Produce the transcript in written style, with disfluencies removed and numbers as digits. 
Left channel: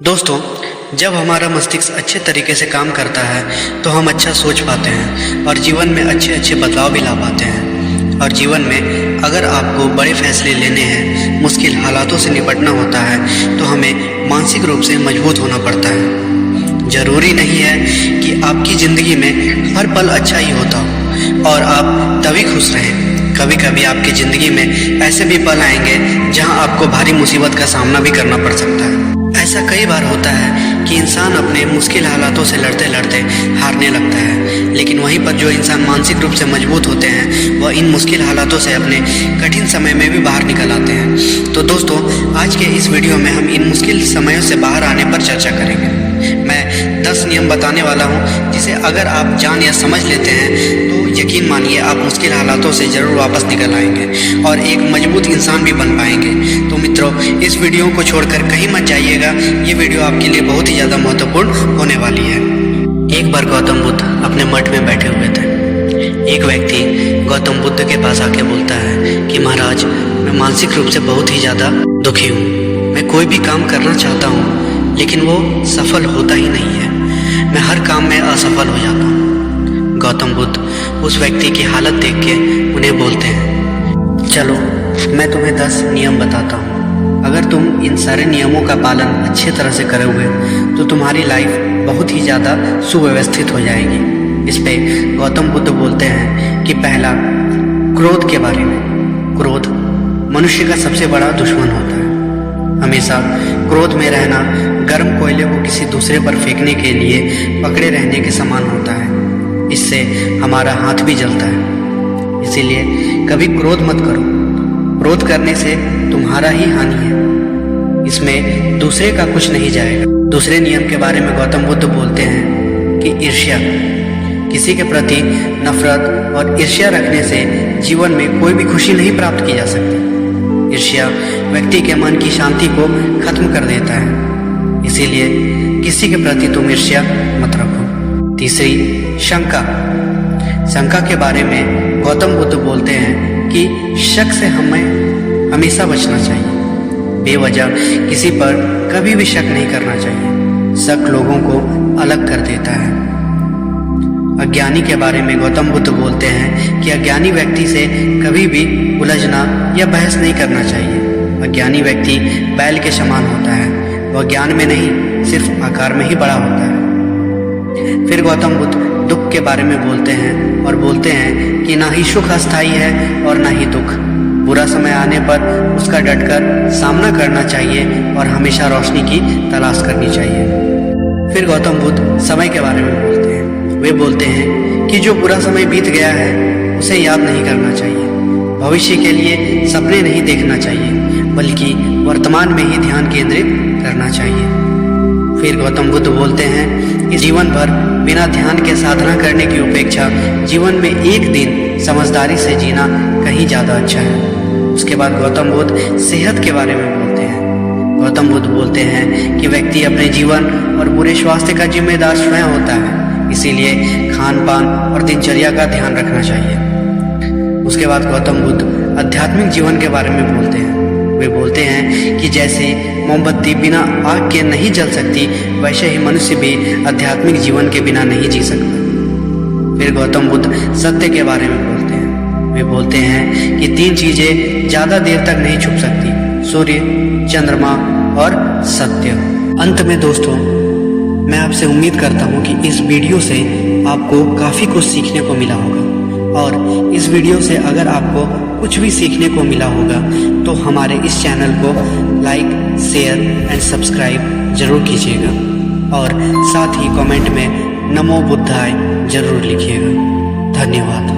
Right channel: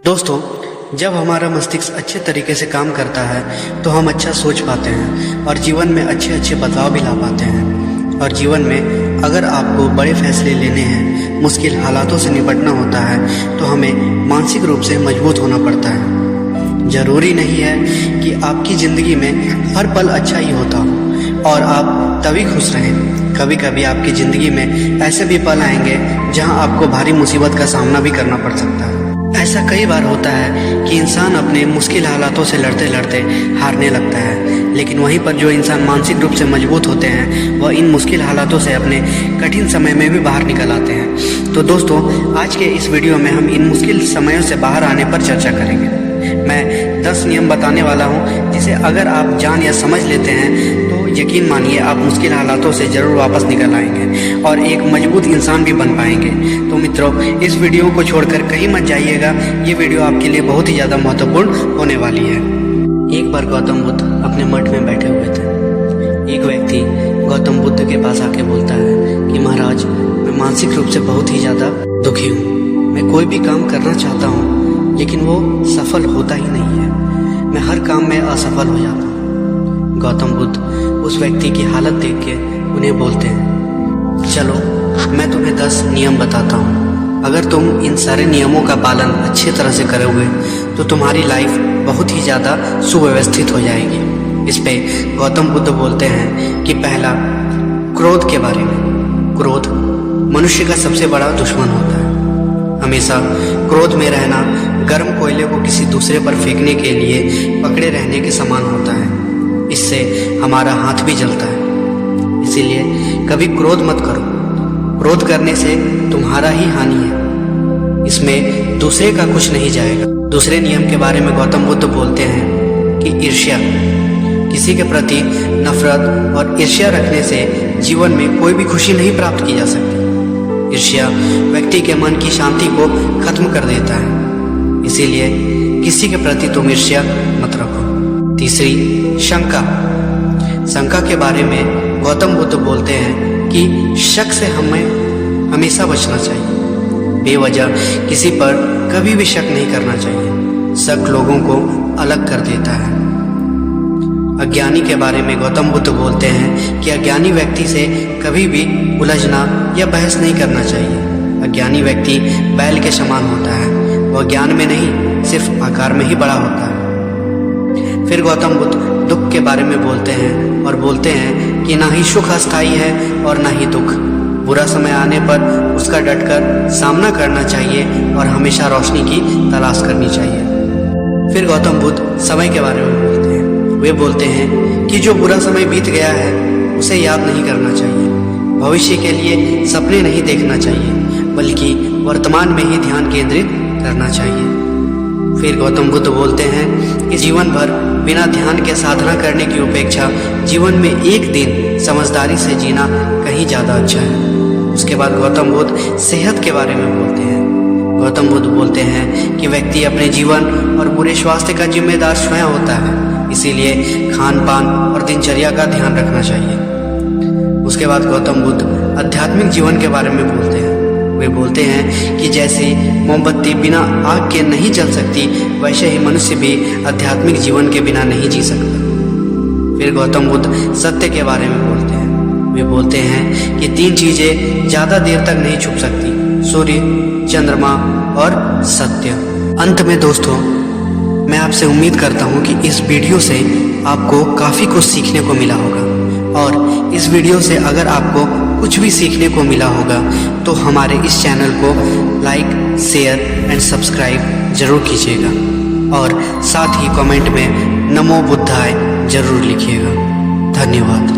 दोस्तों, जब हमारा मस्तिष्क अच्छे तरीके से काम करता है तो हम अच्छा सोच पाते हैं और जीवन में अच्छे अच्छे बदलाव भी ला पाते हैं। और जीवन में अगर आपको बड़े फैसले लेने हैं, मुश्किल हालातों से निपटना होता है तो हमें मानसिक रूप से मजबूत होना पड़ता है। ज़रूरी नहीं है कि आपकी ज़िंदगी में हर पल अच्छा ही होता हो और आप तभी खुश रहें। कभी कभी आपकी ज़िंदगी में ऐसे भी पल आएंगे जहां आपको भारी मुसीबत का सामना भी करना पड़ सकता है। ऐसा कई बार होता है कि इंसान अपने मुश्किल हालातों से लड़ते लड़ते हारने लगता है, लेकिन वहीं पर जो इंसान मानसिक रूप से मजबूत होते हैं वह इन मुश्किल हालातों से अपने कठिन समय में भी बाहर निकल आते हैं। तो दोस्तों, आज के इस वीडियो में हम इन मुश्किल समयों से बाहर आने पर चर्चा करेंगे। मैं 10 नियम बताने वाला हूं जिसे अगर आप जान या समझ लेते हैं तो यकीन मानिए आप मुश्किल हालातों से ज़रूर वापस निकल आएंगे और एक मजबूत इंसान भी बन पाएंगे। तो मित्रों, इस वीडियो को छोड़कर कहीं मत जाइएगा, ये वीडियो आपके लिए बहुत ही ज़्यादा महत्वपूर्ण होने वाली है। एक बार गौतम बुद्ध अपने मठ में बैठे हुए थे। एक व्यक्ति गौतम बुद्ध के पास आके बोलता है कि महाराज, मैं मानसिक रूप से बहुत ही ज़्यादा दुखी हूँ। मैं कोई भी काम करना चाहता हूँ लेकिन वो सफल होता ही नहीं है। मैं हर काम में असफल हो जाता हूँ। गौतम बुद्ध उस व्यक्ति की हालत देख के उन्हें बोलते हैं, चलो मैं तुम्हें 10 नियम बताता हूँ। अगर तुम इन सारे नियमों का पालन अच्छी तरह से करोगे तो तुम्हारी लाइफ बहुत ही ज़्यादा सुव्यवस्थित हो जाएगी। इस पे गौतम बुद्ध बोलते हैं कि पहला, क्रोध के बारे में। क्रोध मनुष्य का सबसे बड़ा दुश्मन होता है। हमेशा क्रोध में रहना गर्म कोयले को किसी दूसरे पर फेंकने के लिए पकड़े रहने के समान होता है। इससे हमारा हाथ भी जलता है। इसीलिए कभी क्रोध मत करो। क्रोध करने से तुम्हारा ही हानि है, इसमें दूसरे का कुछ नहीं जाएगा। दूसरे नियम के बारे में गौतम बुद्ध बोलते हैं कि ईर्ष्या। किसी के प्रति नफरत और ईर्ष्या रखने से जीवन में कोई भी खुशी नहीं प्राप्त की जा सकती। ईर्ष्या व्यक्ति के मन की शांति को खत्म कर देता है। इसीलिए किसी के प्रति तुम ईर्ष्या मत रखो। तीसरी, शंका। शंका के बारे में गौतम बुद्ध बोलते हैं कि शक से हमें हमेशा बचना चाहिए। बेवजह किसी पर कभी भी शक नहीं करना चाहिए। शक लोगों को अलग कर देता है। अज्ञानी के बारे में गौतम बुद्ध बोलते हैं कि अज्ञानी व्यक्ति से कभी भी उलझना या बहस नहीं करना चाहिए। अज्ञानी व्यक्ति बैल के समान होता है। वह ज्ञान में नहीं, सिर्फ आकार में ही बड़ा होता है। फिर गौतम बुद्ध दुख के बारे में बोलते हैं और बोलते हैं कि ना ही सुख अस्थायी है और ना ही दुख। बुरा समय आने पर उसका डटकर सामना करना चाहिए और हमेशा रोशनी की तलाश करनी चाहिए। फिर गौतम बुद्ध समय के बारे में बोलते हैं। वे बोलते हैं कि जो बुरा समय बीत गया है उसे याद नहीं करना चाहिए। भविष्य के लिए सपने नहीं देखना चाहिए, बल्कि वर्तमान में ही ध्यान केंद्रित करना चाहिए। फिर गौतम बुद्ध बोलते हैं कि जीवन भर बिना ध्यान के साधना करने की अपेक्षा जीवन में एक दिन समझदारी से जीना कहीं ज़्यादा अच्छा है। उसके बाद गौतम बुद्ध सेहत के बारे में बोलते हैं। गौतम बुद्ध बोलते हैं कि व्यक्ति अपने जीवन और बुरे स्वास्थ्य का जिम्मेदार स्वयं होता है। इसीलिए खान पान और दिनचर्या का ध्यान रखना चाहिए। उसके बाद गौतम बुद्ध आध्यात्मिक जीवन के बारे में बोलते हैं। वे बोलते हैं कि जैसे मोमबत्ती बिना आग के नहीं जल सकती, वैसे ही मनुष्य भी आध्यात्मिक जीवन के बिना नहीं जी सकता। फिर गौतम बुद्ध सत्य के बारे में बोलते हैं। वे बोलते हैं कि 3 चीजें ज़्यादा देर तक नहीं छुप सकती: सूर्य, चंद्रमा और सत्य। अंत में दोस्तों, मैं आपसे उम्मीद करता हूँ कि इस वीडियो से आपको काफ़ी कुछ सीखने को मिला होगा। और इस वीडियो से अगर आपको कुछ भी सीखने को मिला होगा तो हमारे इस चैनल को लाइक, शेयर एंड सब्सक्राइब जरूर कीजिएगा और साथ ही कमेंट में नमो बुद्धाय जरूर लिखिएगा। धन्यवाद।